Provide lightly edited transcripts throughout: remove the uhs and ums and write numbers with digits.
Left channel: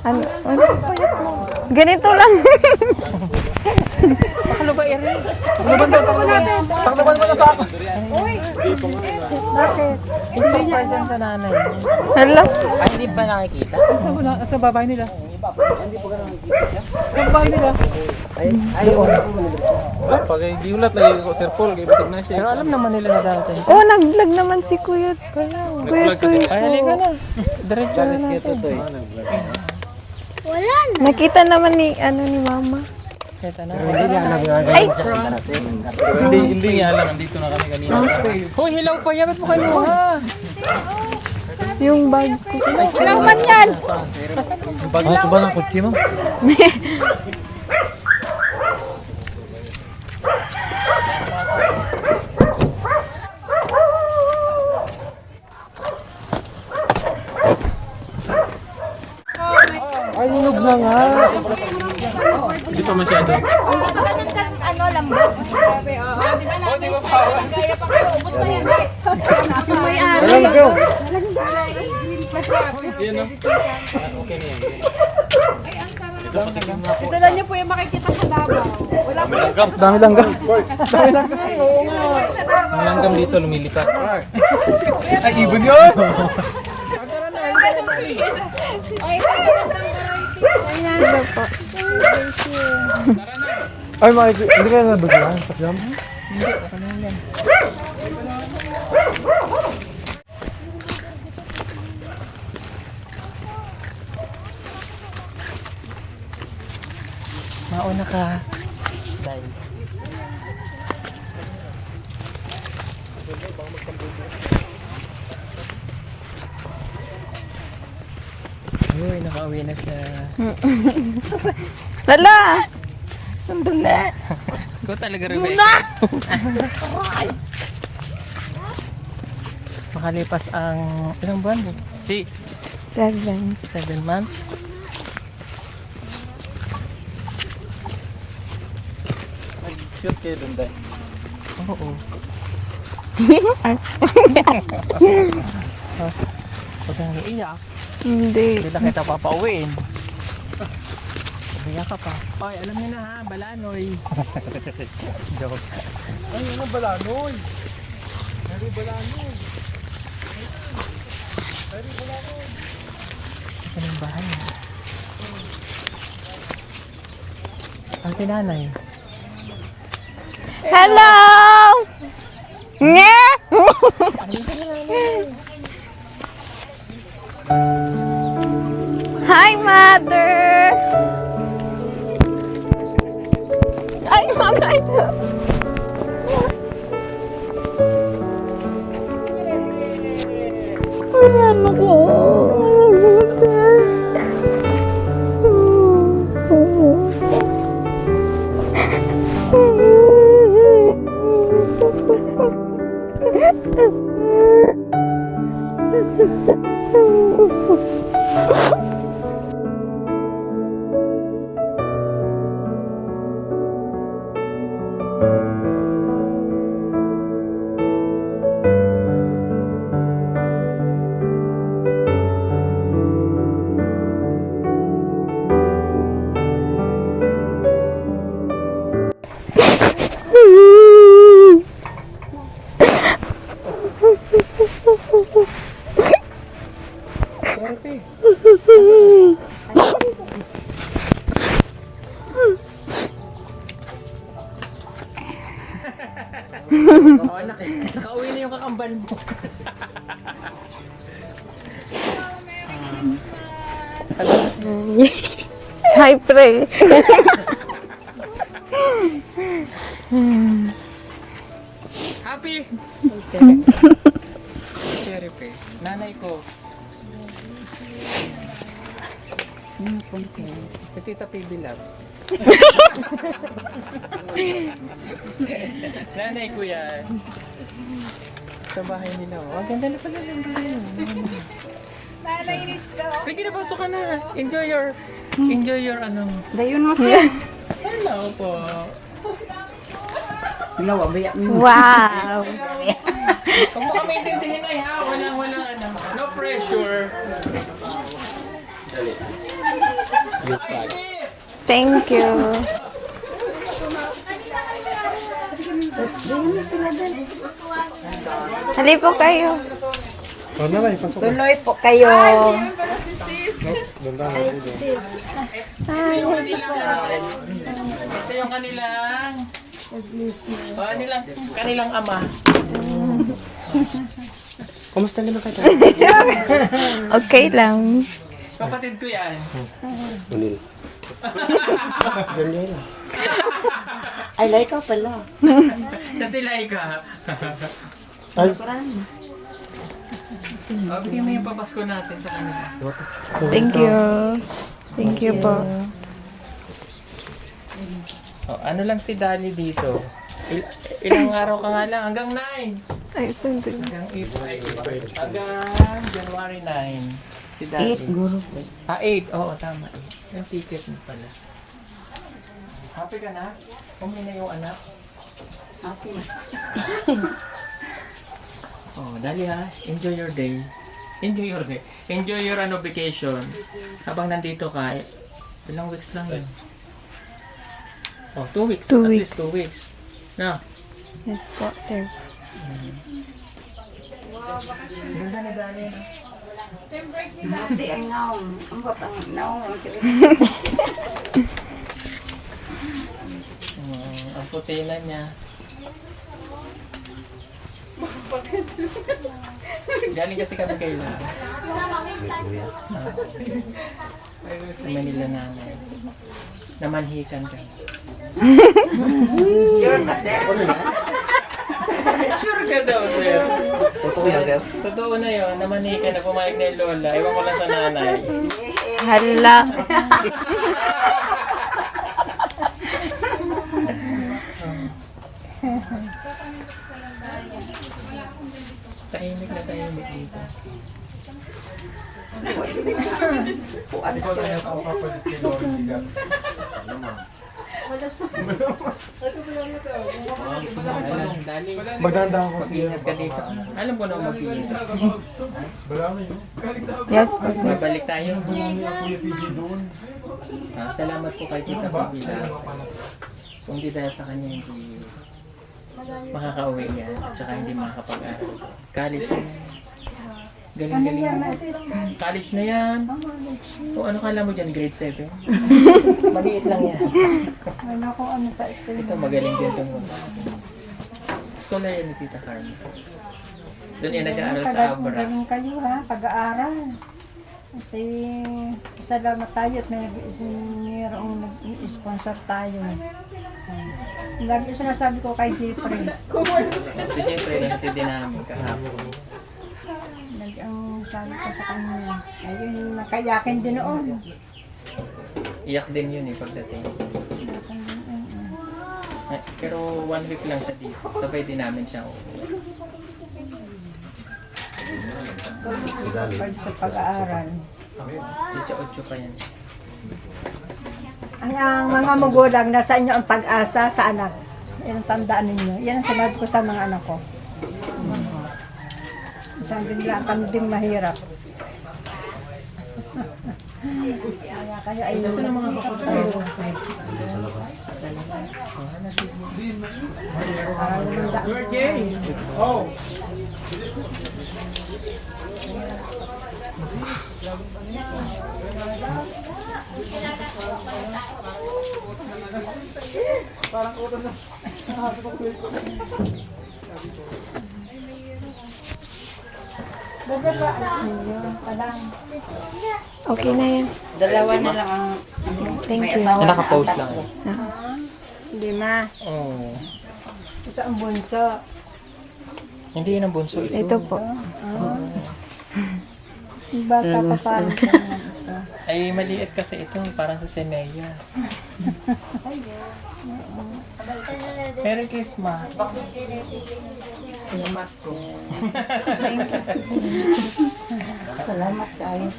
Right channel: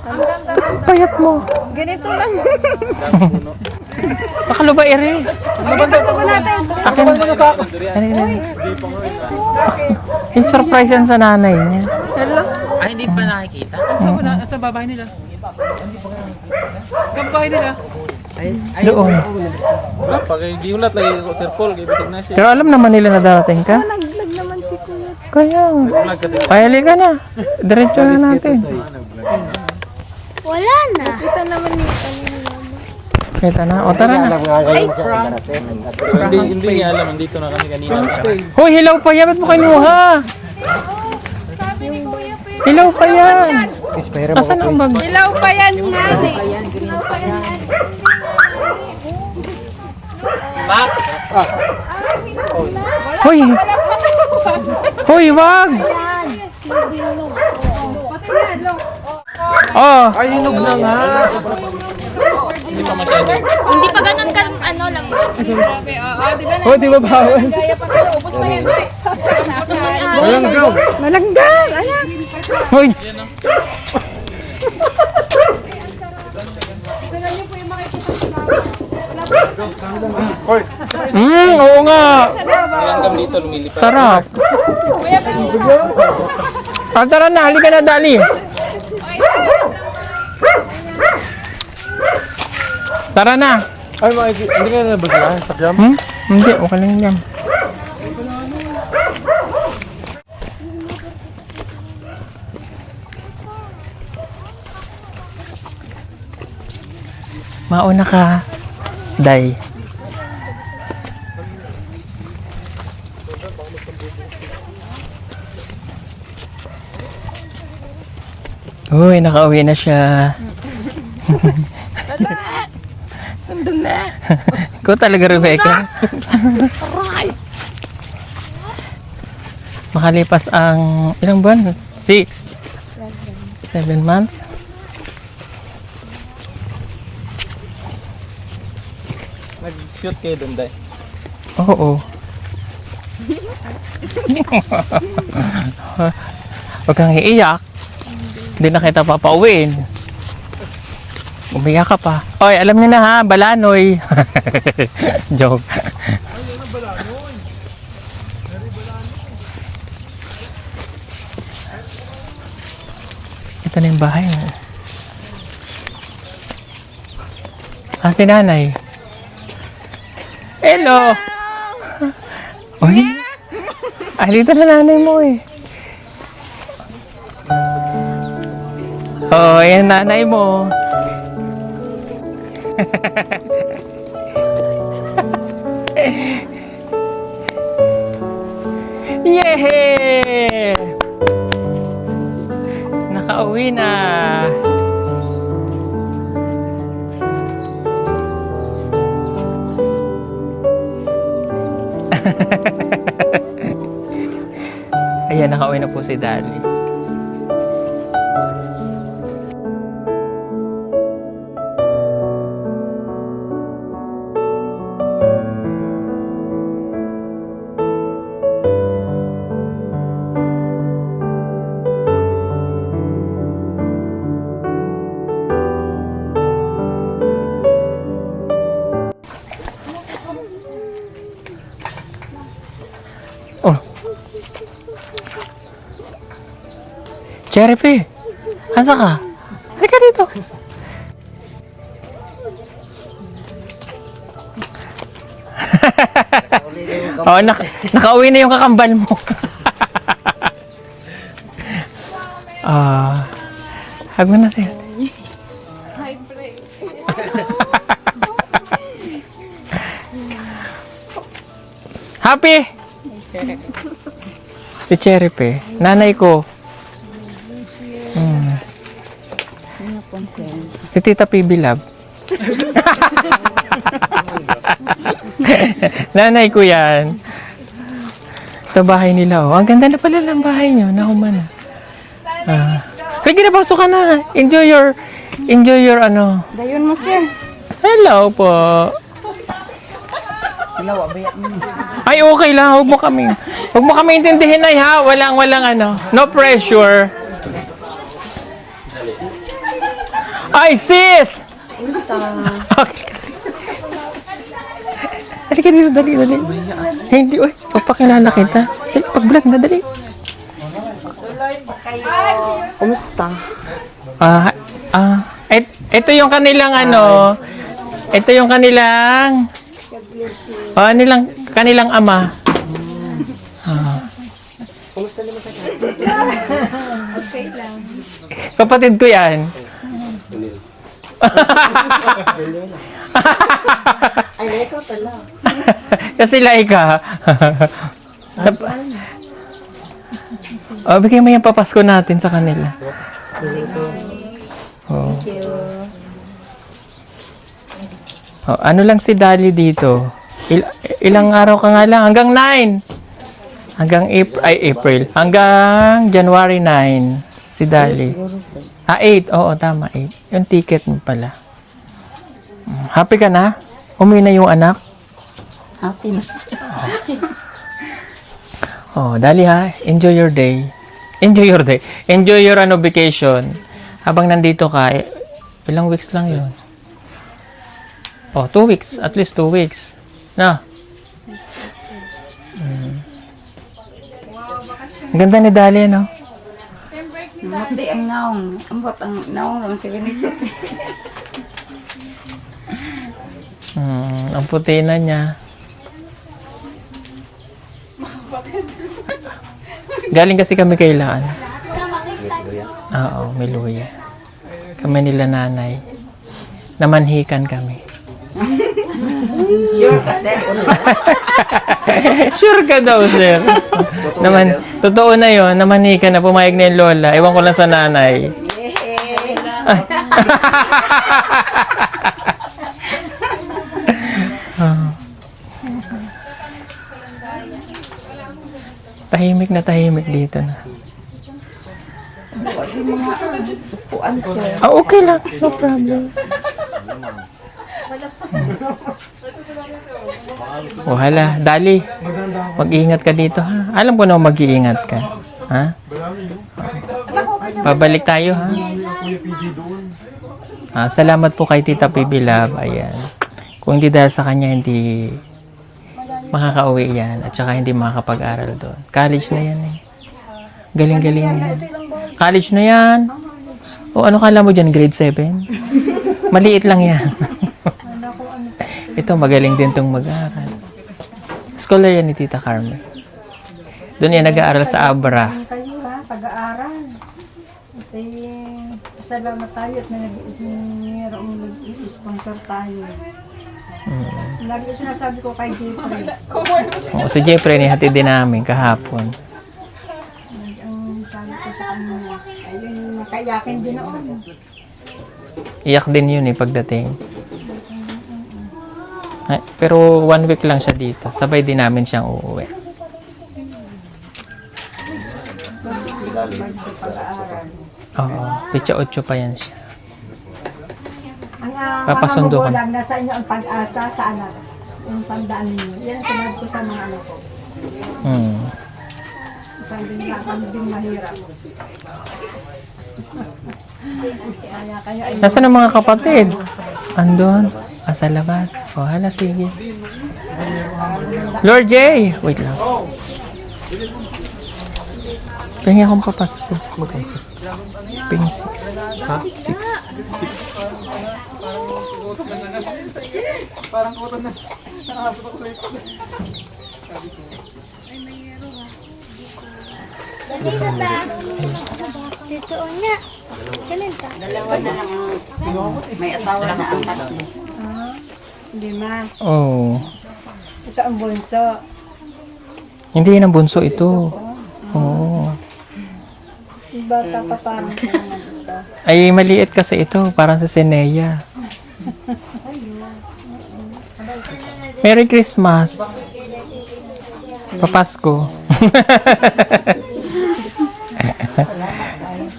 Ano? Payat mo. Ganito lang. Bakalo ba ere? Takbo nila sa akin. Yung surprise yan sa nanay niya. Hala. Ay, hindi pa nakikita? Sa babae nila. Sa babae nila. Doon. Pag hindi ulat lagi ko Sir Paul, gibig message. Pero alam naman nila na darating ka. Oh, nag-vlog naman si Kuya. Kaya. Ulat kasi. Payali ka na. Diretso na natin. Wala na. Nakita naman ni, ni Mama. Kita na. O tara na. Hindi niya alam, nandito na kami kanina. Hoy, hilaw pa yan. Ba't mo kinuha? Yung bag. Hilaw pa yan. Nasaan ang bag? Ilaw pa yan, nani. Hoy! Hoy, wag! Oh, Ay, hinog na nga. Hindi pa masyado. Hindi pa ganun ka, lambot. oh, di ba bawal? Malagdag. Hoy! Dami lang ga. Oo nga. Ang langgam dito lumilipad. Sarap. Ibig yun. Tara na, halika na, Dali. Tara na. Ay, hindi ka nabigyan. Sakyam. Hindi, okay lang yan. Mauna ka, Day. Uy, nakauwi na siya. Hala. Ikaw talaga, Rebecca. Makalipas ang ilang buwan? 6, 7. 7 months. Nag-shoot kayo doon, Day. Oo. Huwag kang iiyak. Hindi. Hindi na kita papauwiin. Umiyak ka pa. Oy, alam niyo na ha, balanoy. Joke. Ito na yung bahay. Ah, si nanay. Hello! Yeah! Ay, dito na nanay mo eh. Oh, yung nanay mo. Ay, mamay. Yay! Nakauwi na. Ayan, nakauwi na po si Daddy. Oh. Cherry, asa ka? Halika dito. Oh, nakauwi na yung kakambal mo. Hago natin. Hi, pre. Happy! Si Cherry Pe, nanay ko. Si Tita PB Love. Nanay ko yan. Ito bahay nila, oh. Ang ganda na pala ng bahay nyo. Nahuman. Sige na, pasok ka na. Enjoy your ano. Ayun mo siya. Hello po. Wow. Ay, okay lang. Huwag mo kami intindihin ay ha. Walang ano. No pressure. Ay, sis! Thank you. Okay. Dali ka dito, dali. Hindi, uy. Papakilala kita. Dali po Pag-vlog kayo. na, dali. Tuloy po kayo. Kumusta? Ito yung kanilang ito yung kanilang kanilang ama. Okay lang. Kapatid ko yan. Ay, Laika pala. Kasi Laika. Bigyan mo yung papasko natin sa kanila. Thank you. Thank you po. Ano lang si Dali dito? Ilang araw ka nga lang? Hanggang 9. Hanggang April. Hanggang January 9. Si Dali. 8. Oo, tama. 8. Yung ticket mo pala. Happy ka na? Umuwi na yung anak? Happy. Dali ha. Enjoy your day. Enjoy your day. Enjoy your vacation. Habang nandito ka, ilang weeks lang yun? 2 weeks. At least 2 weeks. Na? Yes po, sir. Ang ganda ni Dali, no? Hindi ang naong. Ambot ang naong ang sige. Ang puti na niya. Galing kasi kami kay Laan. Oo, may luya. Kami nila nanay. Namanhikan kami. Sure ka daw, sir. Totoo na yon. Namanhikan na pumayag na yung lola. Ewan ko lang sa nanay. Hala. Tahimik na tahimik dito na. Okay lang. No problem. Hala. Dali. Mag-iingat ka dito, ha? Alam ko na mag-iingat ka. Ha? Yes. Babalik tayo, ha? Salamat po kay Tita Pibi Love. Ayan. Kung hindi dahil sa kanya, hindi makakauwi yan. At saka hindi makakapag-aral doon. College na yan, eh. Galing-galing yan. College na yan. O ano kala mo dyan? Grade 7? Maliit lang yan. Ito, magaling din itong mag-aaral. Scholar yan ni Tita Carmen. Doon yan nag-aaral sa Abra. Kayo ha, pag-aaral. Kasi salamat tayo at mayroong sponsor tayo. Lagi sinasabi ko kay Jeffrey. Si Jeffrey, nihatid din namin kahapon. Ang sabi ko sa kanya, ayun, nakayakin din noon. Iyak din yun pagdating. Pero 1 week lang siya dito. Sabay din namin siyang uuwi. Pag-aaral. Oo. Pitsa 8 pa yan siya. Ang Papasundo mga ka. magulang, nasa inyo ang pag-asa sa anak. Yung tandaan ninyo. Yan ang sabi ko sa mga anak ko. Sabi nila, kami din mahirap. Kaya kayo ay Nasaan ang mga kapatid? Andun. Sa labas. Hala, sige. Lord J! Wait lang. Pahingi akong papasko. Ping 6. Ha? 6. Okay na yun. dalawa na lang ang may asawa na ang tatlo. Hindi ma. Oh. Ito ang bunso. Hindi yan ang bunso ito. Oo. Bata ka pa rin sa mga ito. Ay, maliit kasi ito. Parang sa Senea. Merry Christmas. Papasko.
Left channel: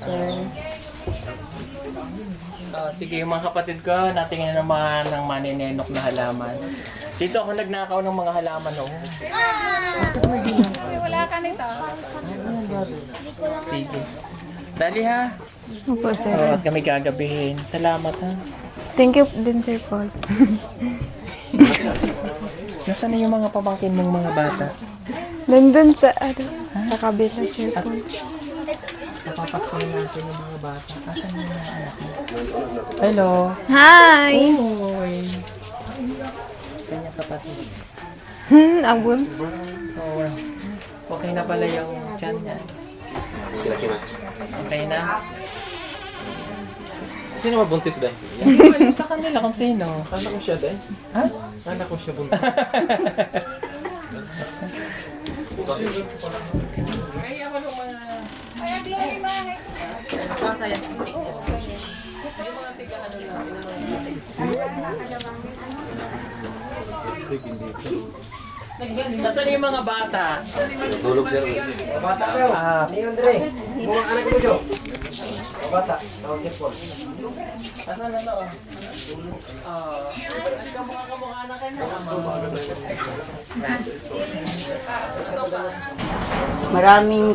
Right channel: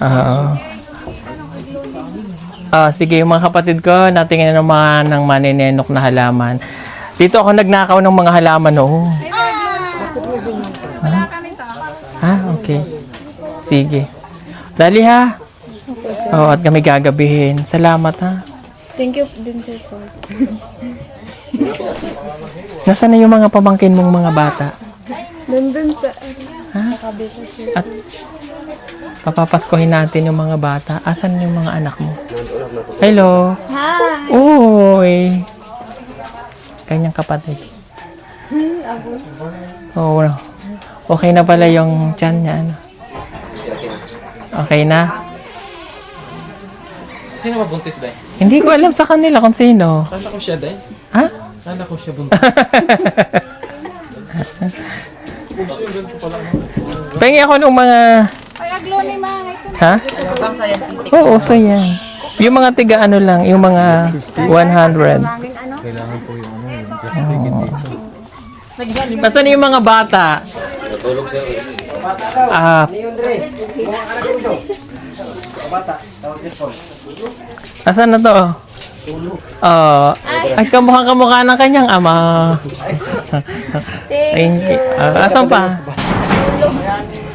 Oo. Sige, yung mga kapatid ko, natingin naman ng maninenok na halaman. Dito ako nagnakaw ng mga halaman, oh. Ha? Okay. Sige. Dali ha. po, sir. Oo, at kami gagabihin. Salamat ha. Thank you din, Sir Paul. Nasaan na yung mga pamangkin mong mga bata? Nandun sa, sa kabila, sir. At papapaskohin natin yung mga bata. Asan yung mga anak mo? Hello. Hi! Uy. Kanyang kapatid. Abul. Oo. Okay na pala yung tiyan niya. Ano? Okay na? Sino ba buntis dahil? Hindi ko alam sa kanila kung sino. Kala ko siya dahil. Ha? Kala ko siya buntis. Pahingi ako ng mga... Ha? Oo, so yan. Yung mga tiga ano lang, yung mga 100. Nasaan yung mga bata? Nasaan na to? Ay, kamukha ng kanyang ama. Thank you. Asan pa?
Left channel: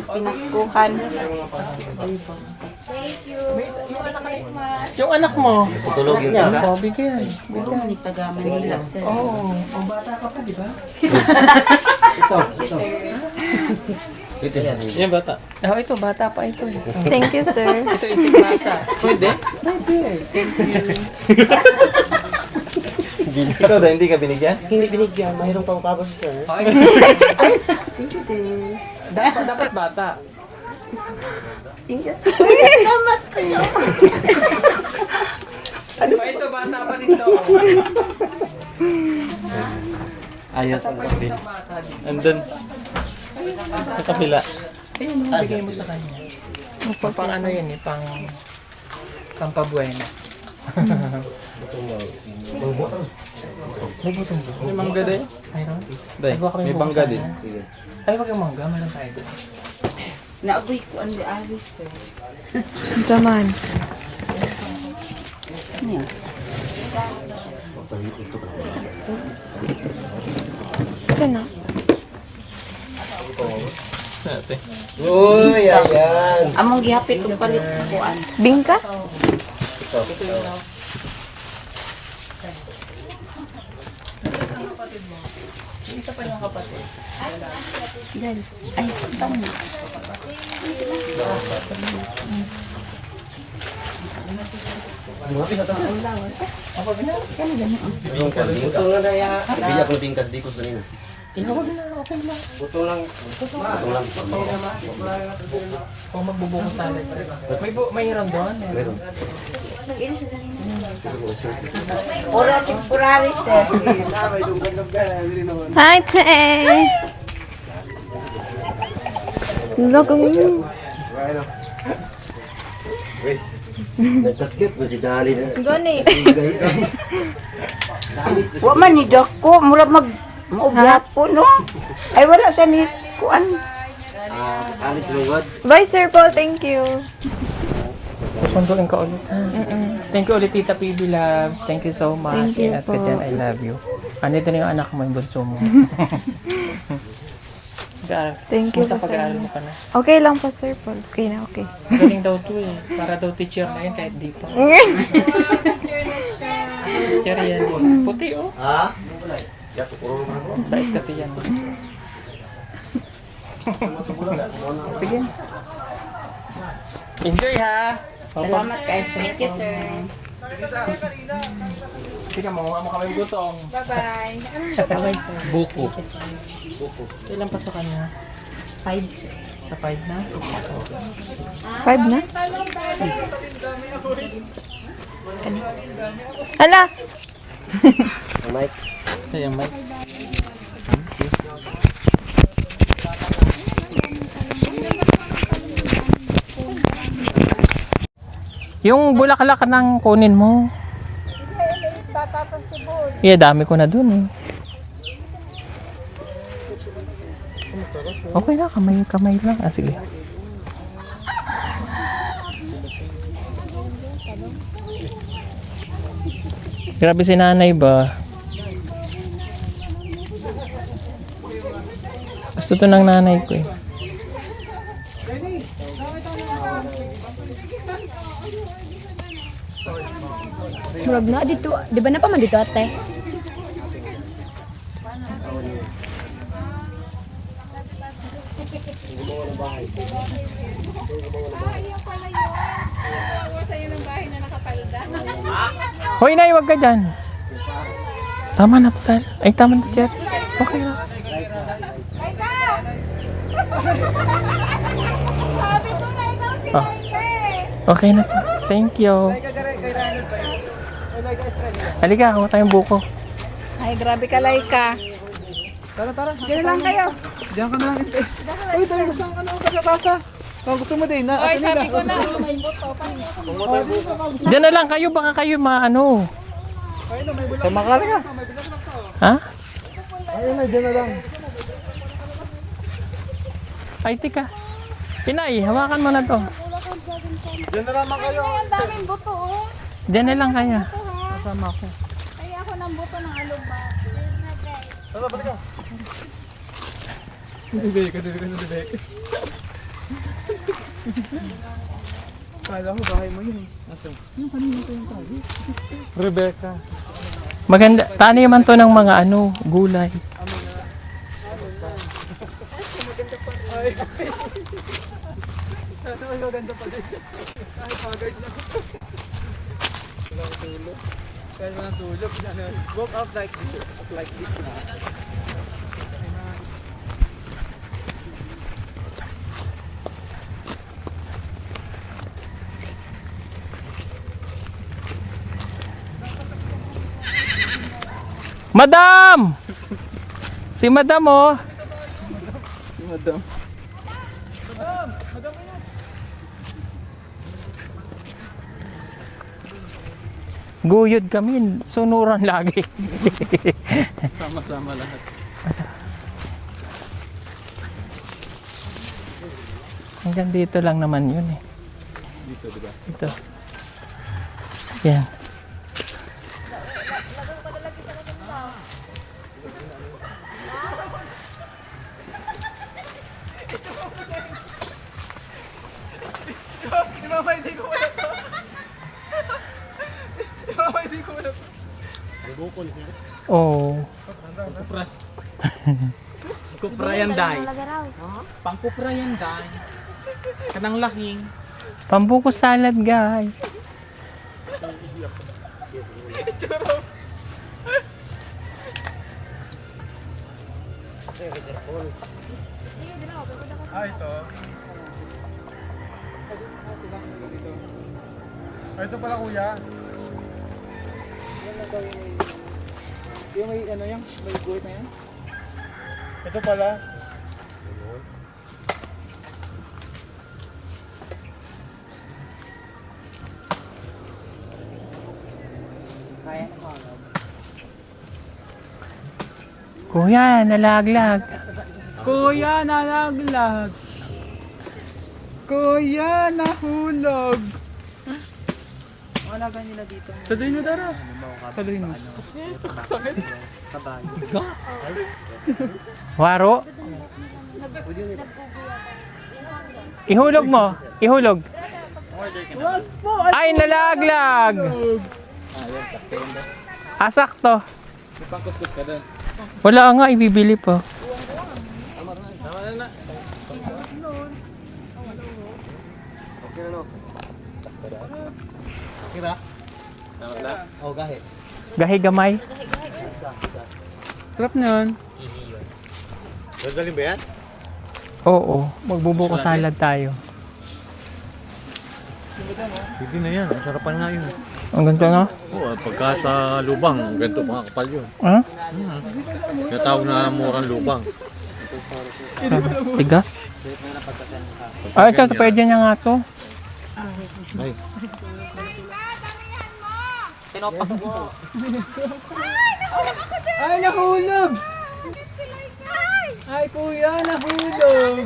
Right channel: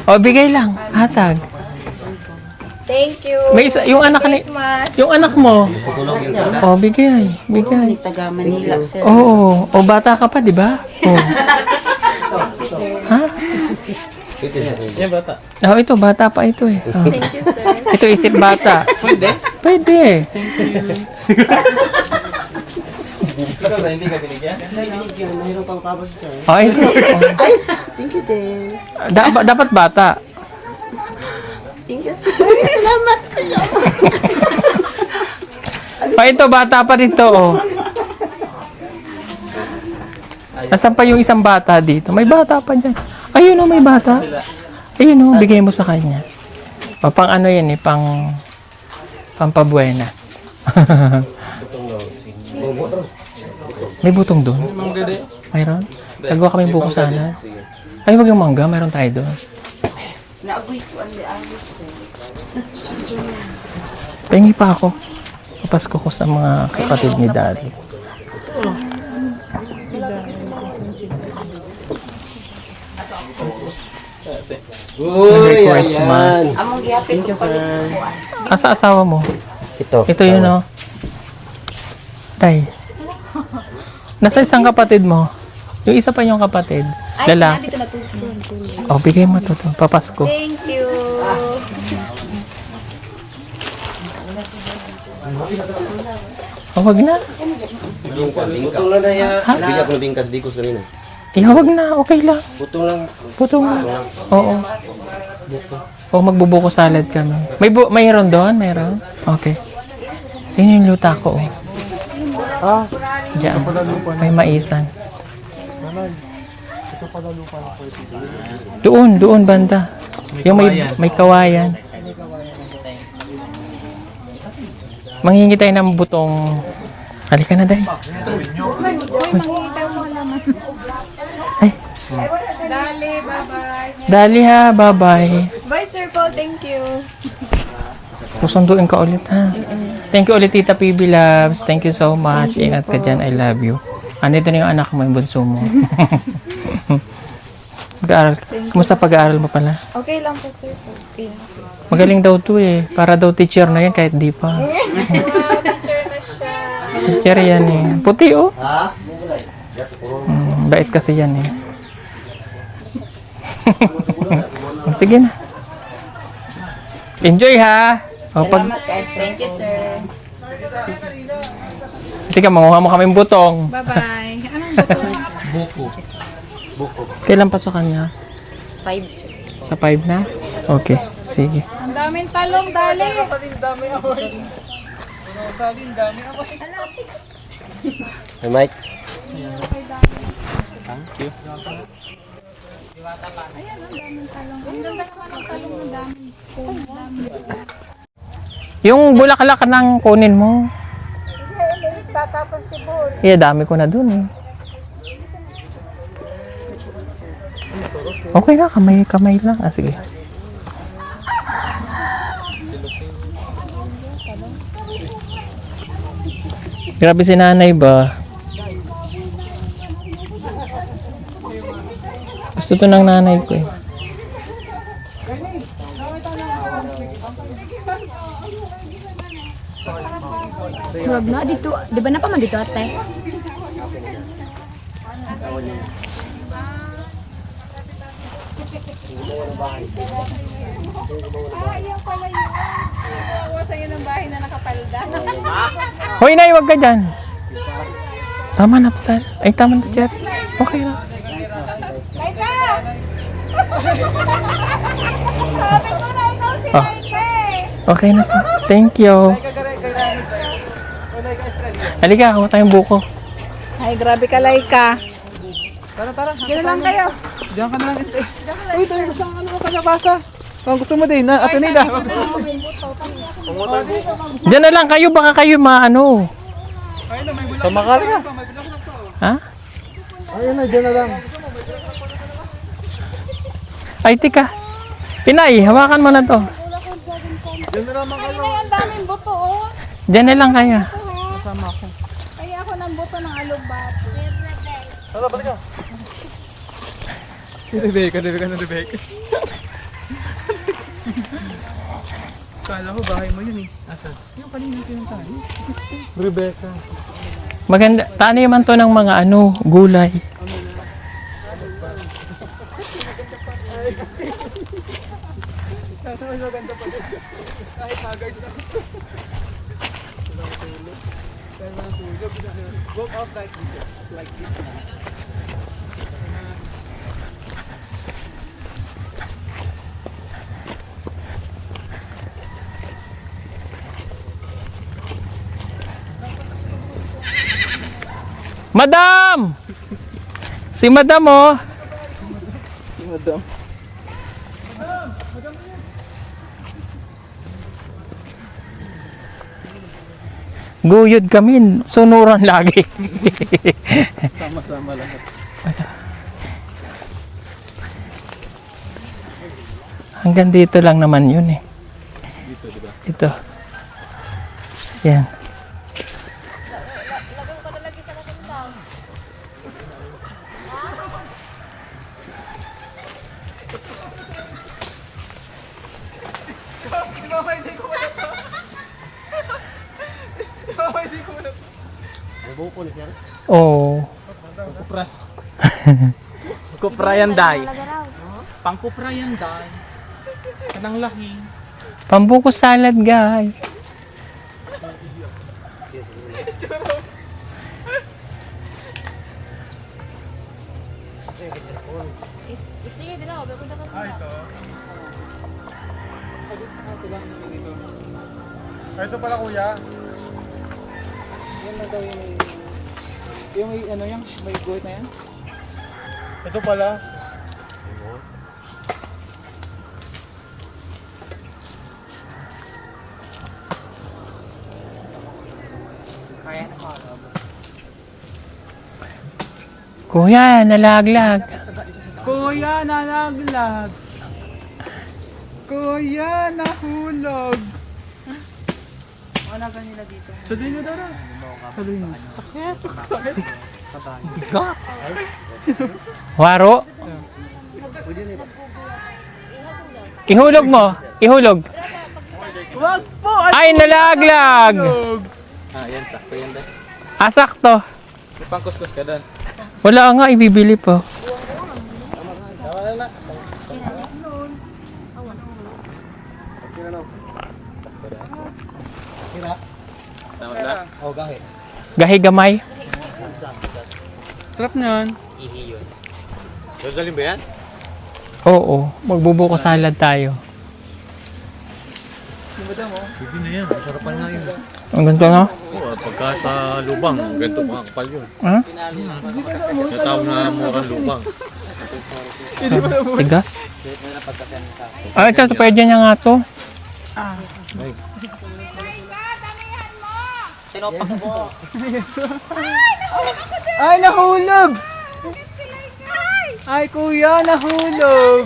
O, bigay lang. Hatag. Thank you. May isa, yung anak ni, yung anak mo. Oh, bigay. Bigay. Taga Manila, sir. Oo. O, bata ka pa, di ba? Oh. Ha? Yung bata. Oh, ito, bata pa ito eh. Oh. Thank you, sir. Ito, isip bata. Pwede? Pwede. Ikaw na hindi ka binigyan? Oh, hindi. Thank you, din. Dapat bata. Pa ito, bata pa rin to. Oh. Nasaan pa yung isang bata dito? May bata pa dyan. Ayun o, may bata. Ayun o, bigay mo sa kanya. O, pang ano yan eh, pang pampabuenas. May butong doon. Mayroon? Nagawa kami buko sana. Ay, wag yung mangga, mayroon tayo doon. Naaboy ko ang ayos, sir. Jaman. Pahingi pa ako. Papasko ko sa mga kapatid ni Dad. Uy, Christmas. Among gihapit ko palit sa kuan. Asa asawa mo? Ito yun o. Tay. Nasa isang kapatid mo. Yung isa pa yung kapatid. Lalaki. O, bigay mo ito. Papasko. Thank you. O, wag na. Butong lang na yan. Bila ko na din kasdikos na rin. Wag na. Okay lang. Butong lang. Puto nga. Oo. O, magbubuko salad kami. Mayroon doon? Mayroon? Okay. Yun yung luta ko. Oh. Diyan. May maisan. Hi, Te. Doon banda. Yung may kawayan. Manghingi tayo ng butong. Halika na dahil. Wa man ni dok po, murag mag-ubyat po, no? Ay, wala sa ni kuan. Dali ha, bye-bye. Bye, Sir Paul. Thank you. Susunduin ka ulit ha. Thank you ulit Tita PB Loves. Thank you so much. Ingat ka dyan. I love you. Andito na yung anak mo, yung bunso mo. Pag-aaral. Kumusta pag-aaral mo pala? Okay lang po, Sir Paul. Okay na, okay. Magaling daw to eh. Para daw teacher na yan kahit di pa. Teacher yan eh. Puti oh. Bait kasi yan eh. Sige na. Enjoy ha. O, Thank you, sir. sige, manguha mo kaming butong. Bye-bye. Anong buko? Buko. Kailan pasokan niya? 5, sir. Sa 5 na? Okay. Sige. 5 na. Daming talong, dali. Ala! Mike. Ayan, Mike. Thank you. Yung bulaklak ng kunin mo. Yeah, dami ko na dun eh. Okay na, kamay lang. Ah, sige. Grabe si nanay ba? Gusto to ng nanay ko eh. Murag na dito. Di ba na pa man dito ate? Hoy, Nay, wag ka dyan. Tama na, total. Ay, tama na, Cher. Okay na. Oh. Okay na to. Thank you. Halika, kuha tayong buko. Ay, grabe ka, Laika. Diyan lang kayo. Diyan ka na lang. Uy, tayo gusto ka na kalabasa. Kung gusto mo din, na ato nila. Diyan na lang kayo, baka kayo maano. Sa makal ka. Ha? Ayun na, diyan na lang. Ay, tika. Pinay, hawakan mo na to. Diyan na lang kayo. Ang daming buto, oh. Diyan na lang kaya. Kasama ko. Ay, ako ng buto ng alubak. Wala, balik ka. Si Rebecca na Rebecca. Kala ko bahay mo yun eh. Asan? Yung kanina ko yung tali. Rebecca. Maganda. Taniman to ng mga ano, gulay. Ganda pa din. Kahit haggard na. Kaya walang tulog. Walk out like this. Like this. Madam! Si Madam, oh. Madam. Guyod kami, sunuran lagi. Sama-sama lahat. Hanggang dito lang naman yun eh. Dito, diba? Ito. Yan. Oo. Pangkupras. Kuprayan day. Pangkuprayan day. Kanang laki. Pambuko salad, guys. Ito pala kuya. Yan na daw yung may ano yan, may guhit na yan. Ito pala. Kuya, nalaglag. Kuya, nalaglag. Kuya, nahulog. Wala kanila dito. Saluhin mo dara. Saluhin mo. Sakit. Sakit. Waro. Ihulog mo. Ihulog. Ay, nalaglag. Yan, sakto yun dahil. Asakto. May pangkuskus ka doon. Wala nga, ibibili pa. Tama na. Kira? Tama na. Oh, gahe. Gahi gamay. Sarap nun. Dadalhin ba yan? Oo, magbubuko salad tayo. Hindi na yan. Masarap pa na yun. Ang ganito na? Oo, pagka sa lubang, ganito pa kapal yun. Ha? Natawag na murang lubang. Tigas? Ay, ito, pwede niya nga to. Ay, Ay, nahulog! Ay, kuya, nahulog!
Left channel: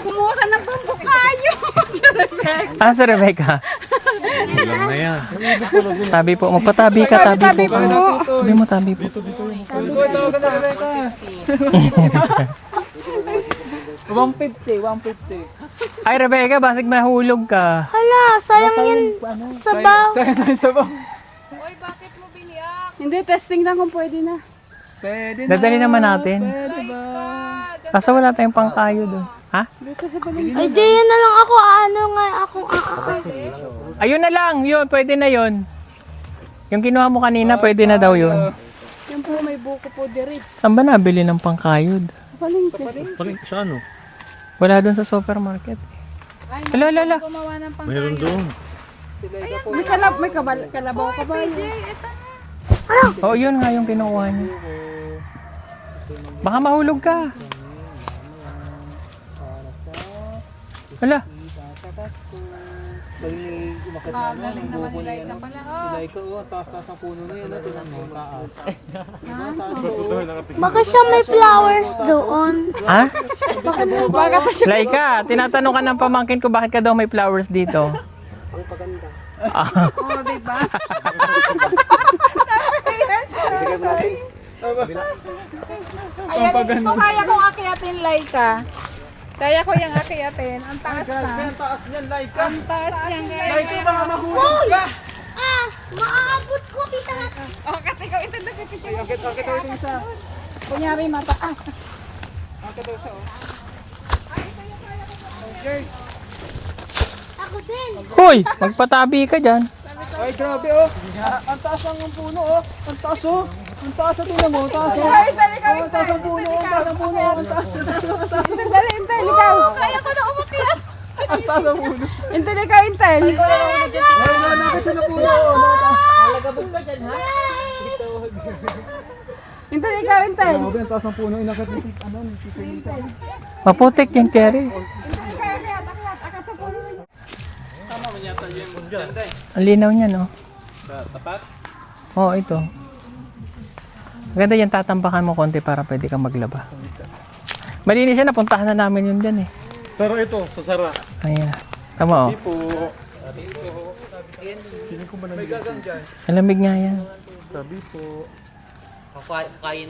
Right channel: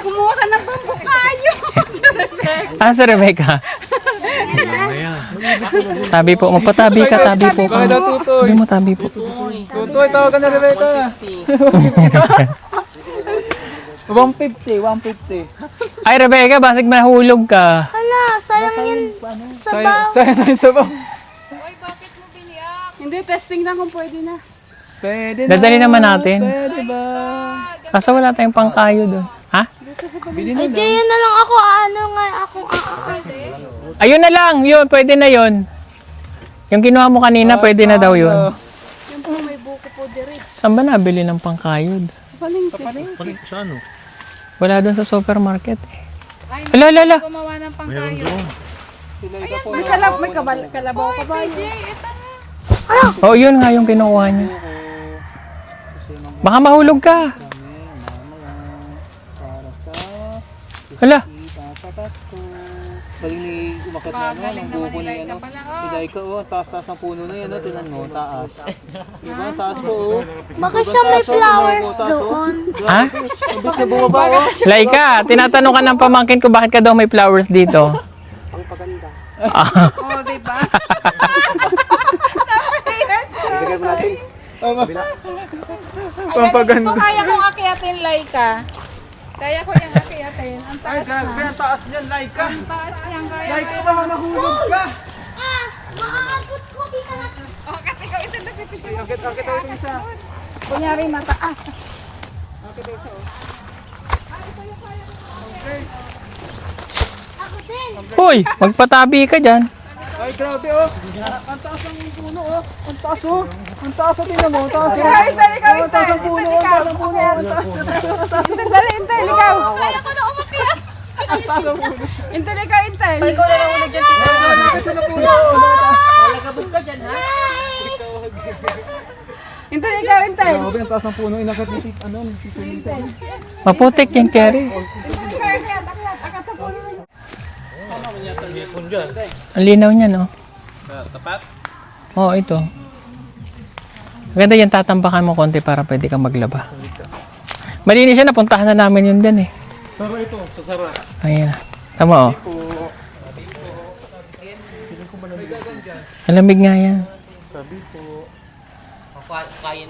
Kumuha ka ng bumbu kayo. Ah, si Rebecca. kulang na yan. Tabi po. Magpatabi ka, tabi po ka. Tabi mo, tabi po. Tutoy, tawag ka na Rebecca. 150, 150. Ay, Rebecca, basig mahulog ka. Hala, sayang yan. sabaw. Sayang na yung sabaw. Hindi, testing lang kung pwede na. Pwede na. Dadali naman natin. Pwede ba? Kaso wala tayong pangkayo doon. Ha? Ay, di yun na lang ako. Ano nga ako. Ayun na lang, yun, pwede na yun. Yung kinuha mo kanina, pwede na daw yun. Yung po may buko po diri. Saan ba nabili ng pangkayod? Palengke. Sa ano? Wala doon sa supermarket eh. Ala, ala, ala. Gumawa ng pangkayo. Meron doon. May kalabaw ka ba yun? Oh, yun nga yung kinuha niya. Baka mahulog ka. Hala. Galing naman nila ka pala. Ilay ka, oh. Taas-taas ang puno na yan, oh. Tinan mo, taas. Diba? Taas ko, oh. Baka siya may flowers doon. Ha? Laika, tinatanong ka ng pamangkin ko bakit ka daw may flowers dito. Ang paganda. Oo, diba? Bigyan mo natin. Pampaganda. Kung kaya kong akyatin, Laika. Kaya ko yung akyatin. Ang taas na. Kaya taas yan, Laika. Ang taas niyang kaya. Laika, baka mahulog ka. Ah! Maaabot ko. Kita na. Okay, isa. Kunyari mataas. Ako din. Hoy, magpatabi ka dyan. Ay, grabe, oh. Ang taas ng puno, oh. Ang taas, oh. Ang taas, oh. Tingnan mo, ang taas, oh. Ang taas ng puno, oh. Ang taas ng puno, oh. Ang taas, oh. Dali, Intel, ikaw. Kaya ko na umakyat. Ang taas ng puno. Intel, ikaw, Intel. Ay, nakakit siya ng puno, oh. Nakataas. Intel, ikaw, Intel. Grabe, ang taas ng puno. Inakat ni Tik, ano, ni Tik. Maputik yung cherry. Ang linaw niya, no? Oo, ito. Maganda yan, tatambakan mo konti para pwede kang maglaba. Malinis siya, napuntahan na namin yun din eh. Sara ito, sa Sara. Ayan. Tama, oh. Malamig nga yan. Sabi po.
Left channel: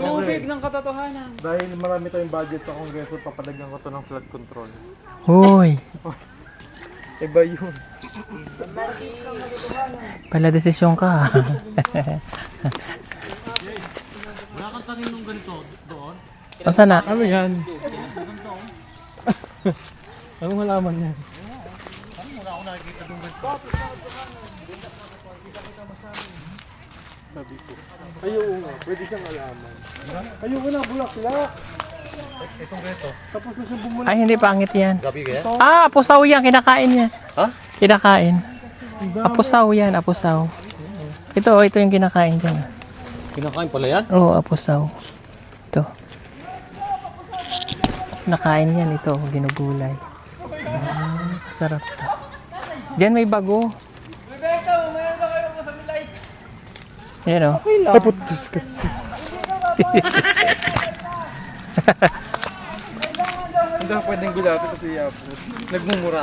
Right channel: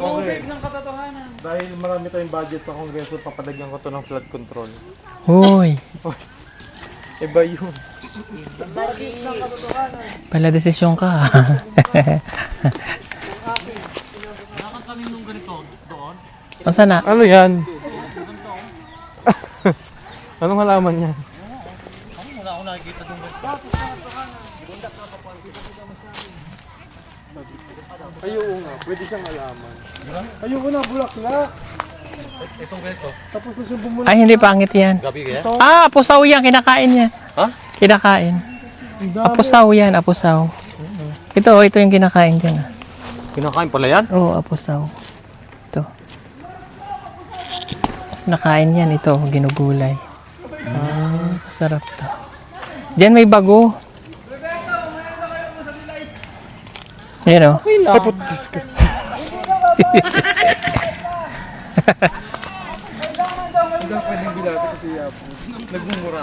Tubig ng katotohanan. Dahil marami tayong budget sa kongreso, papadagyan ko to ng flood control. Hoy, Iba yun. pala desisyon ka. Asa na? Ano yan? Anong halaman yan? Ayoko nga, pwede siyang halaman. Ayoko na, bulaklak. Itong ganito. Tapos na siyang bumulak. Ay, hindi pangit yan. Gabi kaya? Ah, apusaw yan. Kinakain niya. Ha? Kinakain. Apusaw yan, apusaw. Ito, oh, ito yung kinakain dyan. Ah. Kinakain pala yan? Oo, apusaw. Ito. Nakain yan, ito, ginugulay. Sarap to. Diyan may bago. Ayan, oh. Kaputis ka. Hindi pwedeng gulati kasi yapo. Nagmumura.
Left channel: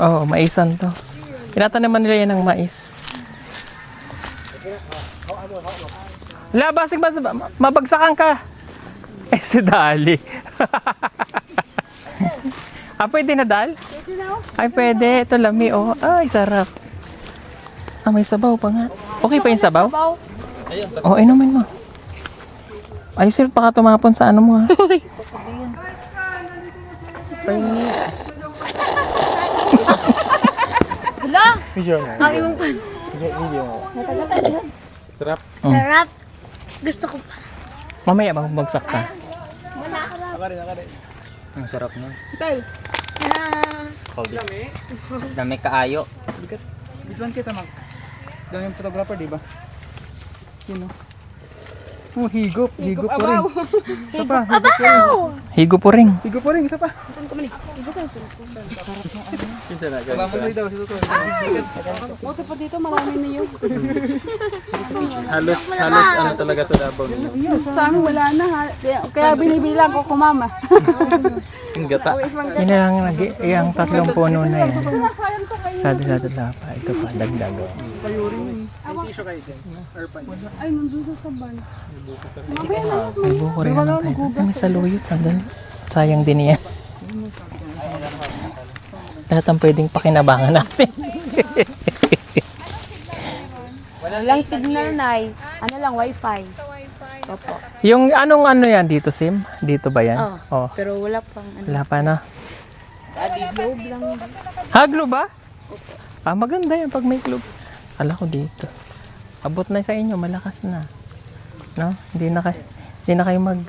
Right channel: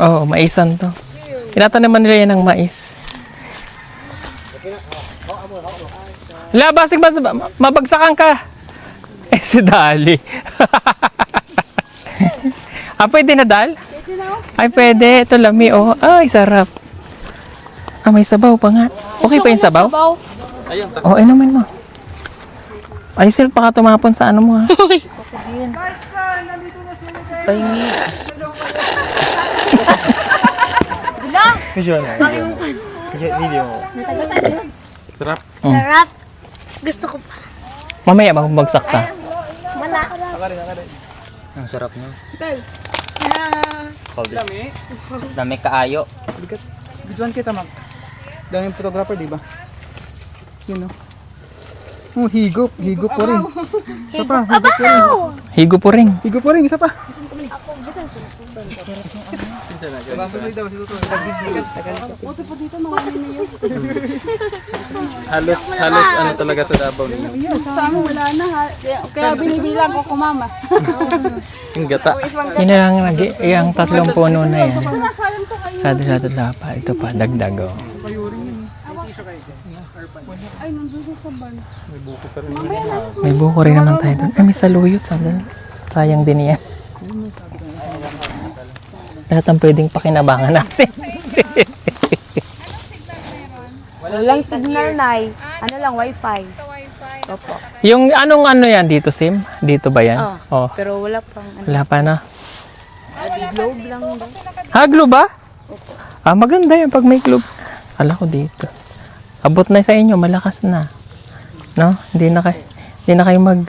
Oo, maisan to. Tinatanaman nila yan ng mais. Labasig, mabagsakan ka. Eh, si Dali. Ah, pwede na, Dal? Pwede na, oh. Ay, pwede. Ito lami, oh. Ay, sarap. Ah, may sabaw pa nga. Okay pa yung sabaw? Oh, inumin mo. Ayusin pa ka tumapon sa ano mo, ha? Pahingi. Video mo. Sarap. Gusto ko pa. Mamaya magbagsak ka. Ang sarap nun. Intel. Dami kaayo. Bidwan kita, ma'am. Daming photographer, di ba? Yun, oh. Oh, higop. Higop po rin. Isa pa. Abaw! Higo po rin. Higop po rin. Isa pa. Buto pa dito, marami na yun. Halos ano talaga sa Davao. Sana wala na ha. Kaya binibilang ko kumama. Yung gata. Yun na lang lagi. Yung tatlong puno na yan. Sado-sado pa. Ito pa, dagdag, oh. May buko rin naman tayo doon. Ay, may saluyot. Sandali. Sayang din yan. Lahat ang pwedeng pakinabangan natin. Walang signal, Nay. Ano lang, wifi. Opo. Yung anong ano yan dito, Sim? Dito ba yan? Oh. Pero wala pang ano. Wala pa na. Globe lang. Ha, globe ba? Ah, maganda yan pag may globe. Kala ko dito. Abot na sa inyo, malakas na. No? Hindi na kayo mag...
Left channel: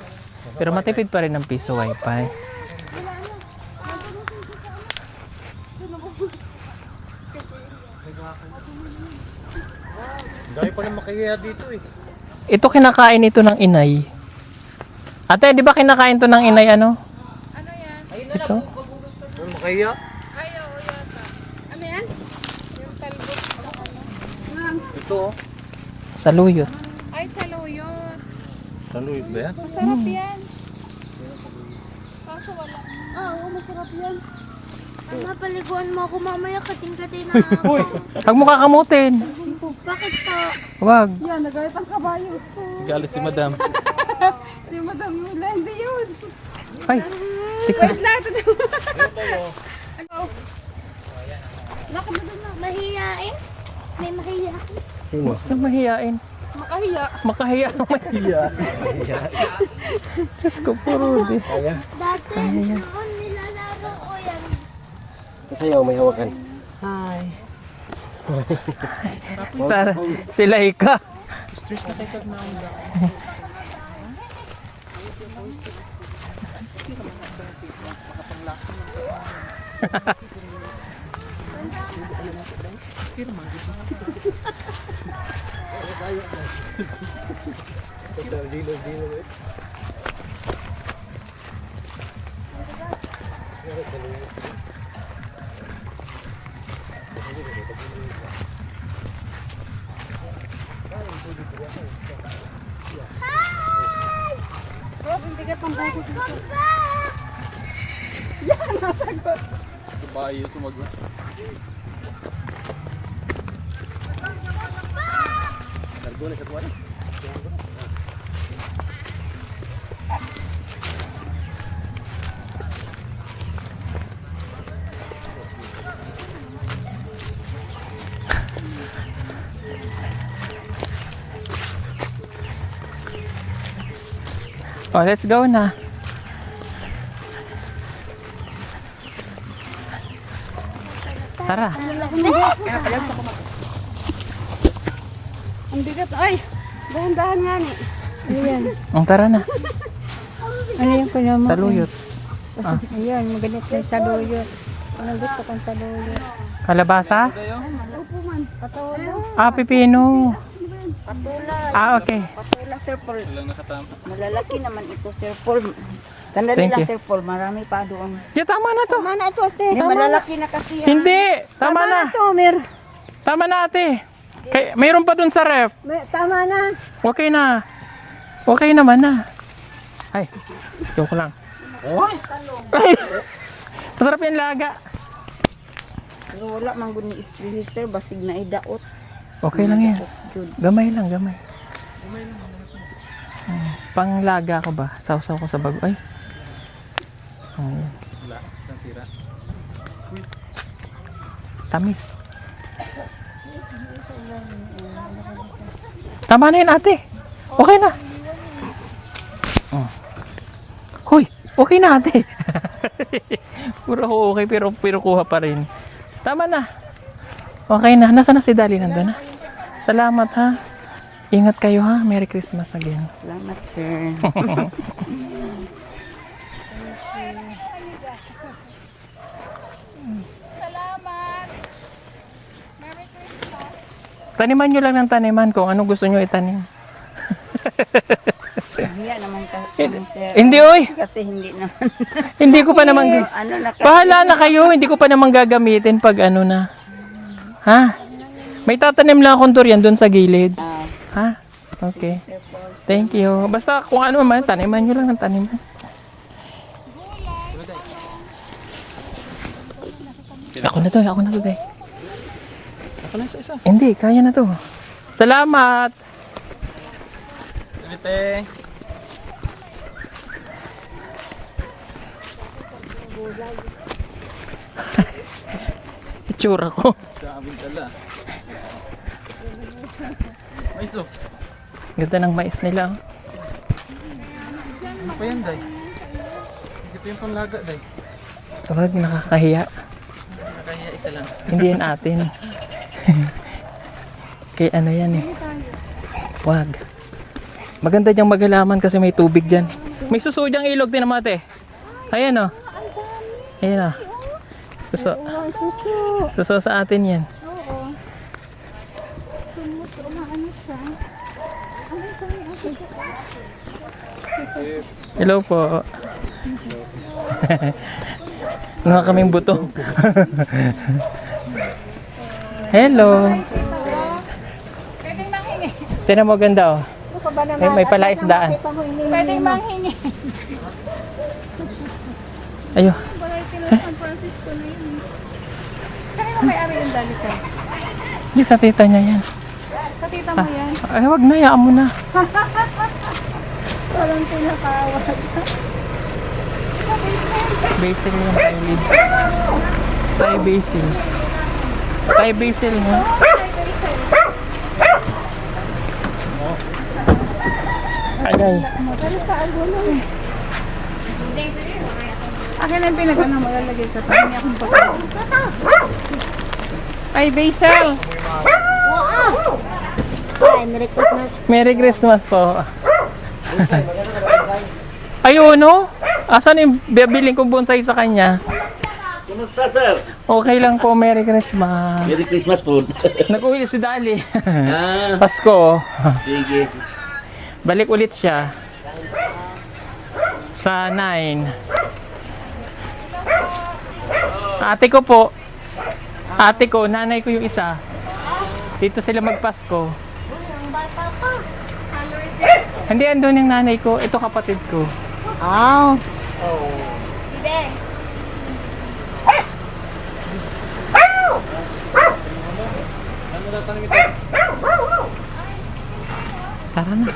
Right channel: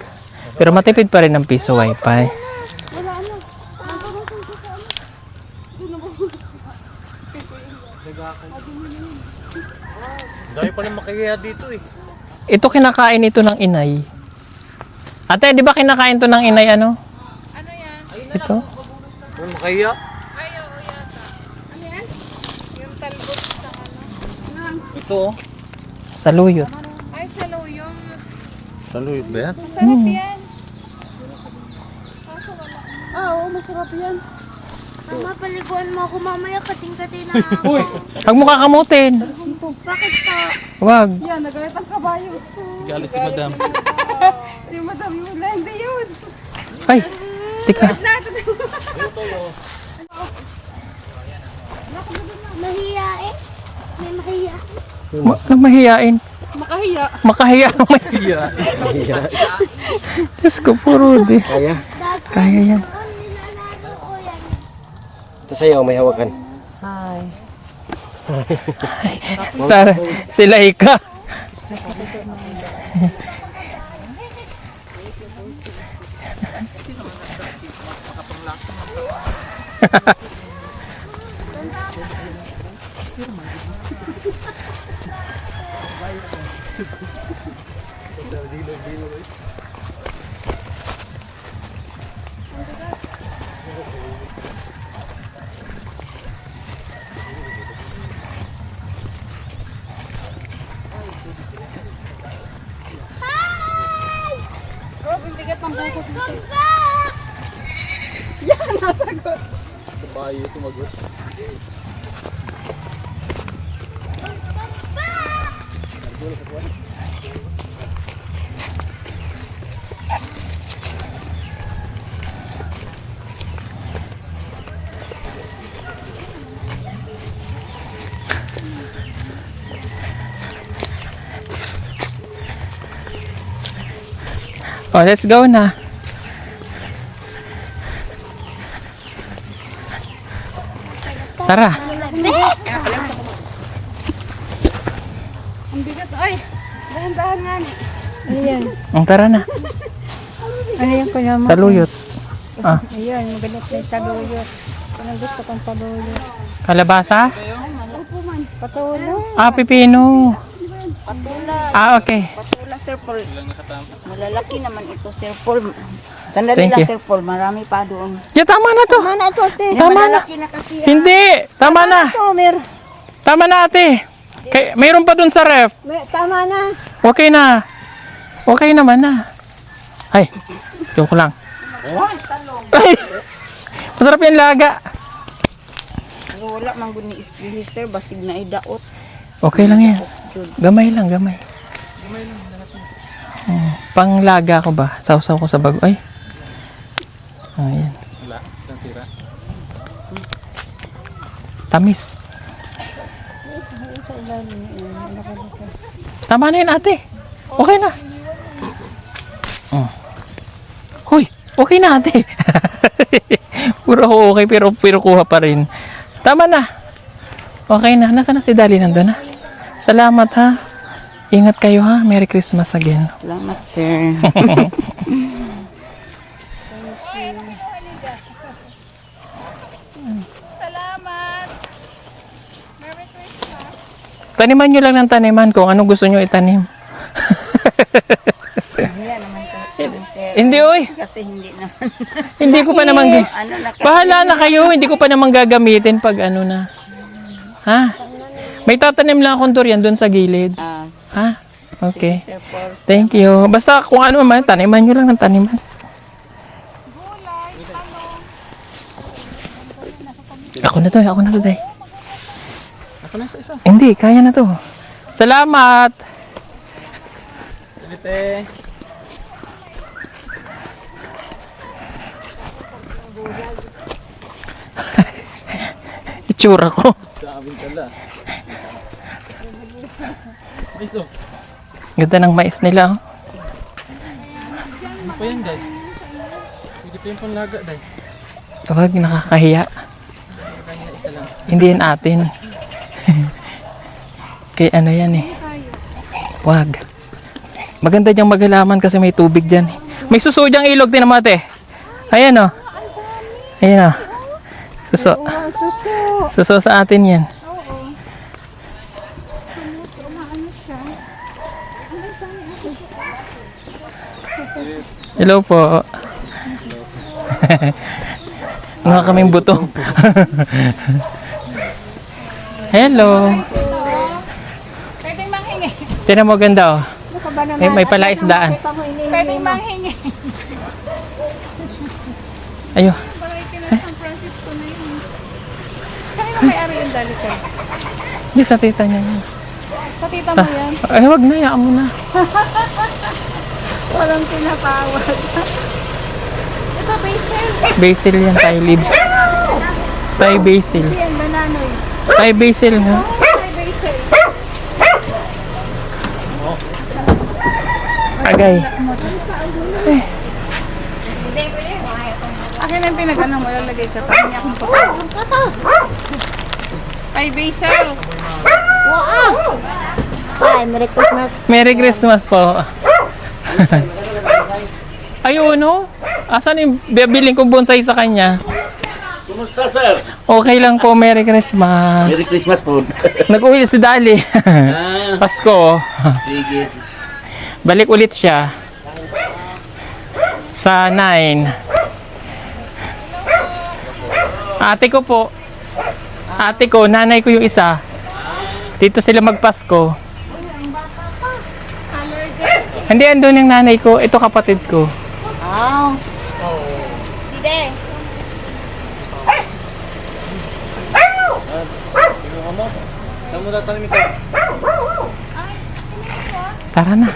Pero matipid pa rin ang piso wifi. Dahil pa na makikaya dito eh. Ito kinakain ito ng inay. Ate, di ba kinakain to ng inay ano? Ano yan? Ito? Ano makikaya? Ano yan? Yung talbot sa ano? Ito oh. Saluyot. Ay, saluyot. Saluyot ba yan? Sarap yan. Oo, masarap yan. Mama, paliguan mo ako mamaya kating-kating na. Uy! Huwag mo kakamutin. Bakit po? Huwag. Yan, nagayat ang kabayo ko. Galit si madam. Si madam yung hindi yun. Ay, tika. Mahiyain? May mahiyain? Huwag nang mahiyain. Makahiya. Makahiya ang mahiya. Diyos ko, puro di. Kaya? Kaya yan. Nilalaro ko yan. Ito sa'yo, may hawakan. Tara, sila ika. Bayo sumagot. Oh, let's go na. Tara. Ang bigat. Ay, dahan-dahan nga ni. Ang tara na. Ano yan, kuya mo? Saluyot. Ayan, maganit na yung saluyot. Ang gusto kong saluyot. Kalabasa? Patula. Ah, pipino. Patula. Ah, okay. Patula, Sir Paul. Malalaki naman ito, Sir Paul. Sandali Thank lang, you. Sir Paul. Marami pa doon. Yeah, tama na to. Mana ito, ate? Tama na. Malalaki na kasi. Hindi. Tama na. Ito, meron. Tama na, ate. Mayroon pa dun sa ref. Tama na. Okay na. Okay naman na. Ay, joke lang. Ay, masarap yung laga. Pero wala man guni ispili, Sir. Basig na idaot. Okay lang yan. Gamay lang, gamay. Panglaga ko ba? Sausaw ko sa bago. Ay. Ayan. Tamis. Tama na yun, ate. Okay na. Oh. Huy, okay na, ate. Puro ako okay, pero kuha pa rin. Tama na. Okay na. Nasaan na si Dali? Nandun na? Salamat, ha. Ingat kayo, ha. Merry Christmas again. Salamat, Sir. Salamat. Merry Christmas. Taniman nyo lang ng taniman kung anong gusto nyo itanim. Yan naman kasi, Sir. Hindi, oy. Kasi hindi naman. Hindi ko pa naman... Ano na kasi. Bahala na kayo. Hindi ko pa naman gagamitin pag ano na. Ha? May tatanim lang akong durian doon sa gilid. Ah, Ha? Okay. Thank you. Basta kung ano man, taniman nyo lang ng taniman. Ako na to, day. Ako na isa. Hindi, kaya na to. Salamat! Lite. Itsura ko. Sabing tala. Mais oh. Ganda ng mais nila. Oh. Ano pa yan, Day? Hindi pa yung panlaga, Day. Wag, nakakahiya. Hindi yan atin. Kaya ano yan eh. Wag. Maganda diyang maghalaman kasi may tubig dyan. May suso diyang ilog din naman ate. Ayan o. Ayan o. Suso. Suso sa atin yan. Hello po. Mga kaming buto. Hello. Pwedeng manghingi. Tinan mo ganda oh. May palaisdaan. Pwedeng manghingi. Ayo. Variety na San Francisco na yun. Kanino may-ari yung dalukan? Di sa tita niya yan. Sa tita mo yan? Ay wag na, yaan mo na. Walang tinatawag. Ito, basil. Basil yan, Thai leaves. Thai basil. Yan, banana. Thai basil ha. May basil. Agay. Akin na yung pinag-ano mo, lalagay ka pa. Hindi akong pagkakas. May basil. Hi, Merry Christmas. Merry Christmas po. Ayun no? Asan yung bibiling ko bonsai sa kanya? Kumusta, sir? Okay lang po, Merry Christmas. Merry Christmas po. Nag-uwi si Dali. Ah, Pasko. sige. Balik ulit siya. Sa 9. Ate ko po. Ate ko, nanay ko yung isa. Dito sila magpasko. Hindi, andun yung nanay ko. Ito kapatid ko. Sige. Tara na.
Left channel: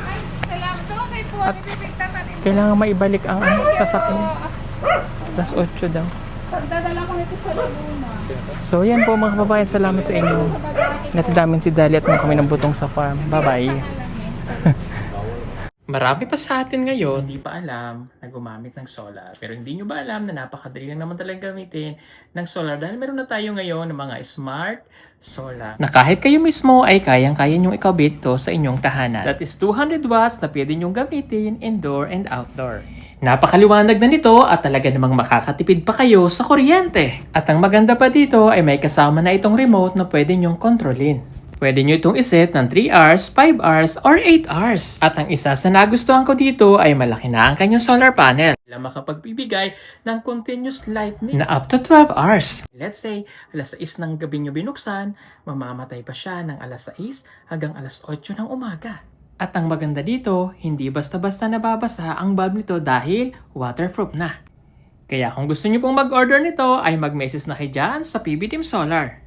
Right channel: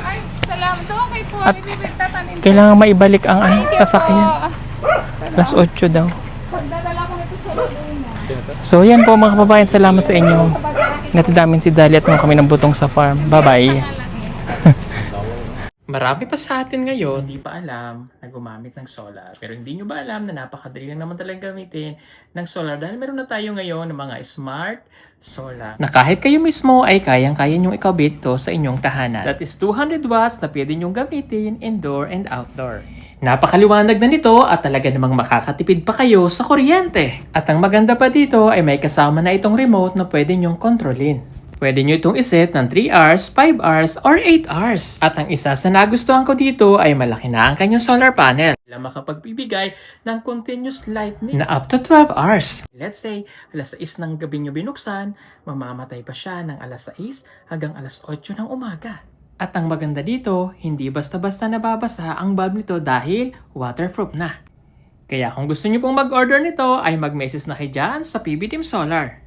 Salamat doon kay Paul. At- Ibibigtatanin. Kailangan maibalik ang sasakyan. Alas 8 daw. Dadala ko nito sa Luna. So yan po mga kababayan, salamat sa inyo. Natadamin si Dali at nung kami ng butong sa farm. Bye-bye. Marami pa sa atin ngayon hindi pa alam na gumamit ng solar. Pero hindi nyo ba alam na napakadali lang naman talaga gamitin ng solar dahil meron na tayo ngayon ng mga smart solar na kahit kayo mismo ay kayang-kaya nyong ikabit to sa inyong tahanan. That is 200 watts na pwede nyong gamitin indoor and outdoor. Napakaliwanag na nito at talaga namang makakatipid pa kayo sa kuryente. At ang maganda pa dito ay may kasama na itong remote na pwede nyong kontrolin. Pwede nyo itong iset ng 3 hours, 5 hours, or 8 hours. At ang isa sa nagustuhan ko dito ay malaki na ang kanyang solar panel na makapagbibigay ng continuous lightning na up to 12 hours. Let's say, alas 6 ng gabi nyo binuksan, mamamatay pa siya ng alas 6 hanggang alas 8 ng umaga. At ang maganda dito, hindi basta-basta nababasa ang bulb nito dahil waterproof na. Kaya kung gusto nyo pong mag-order nito ay mag-message na kayo dyan sa PB Team Solar.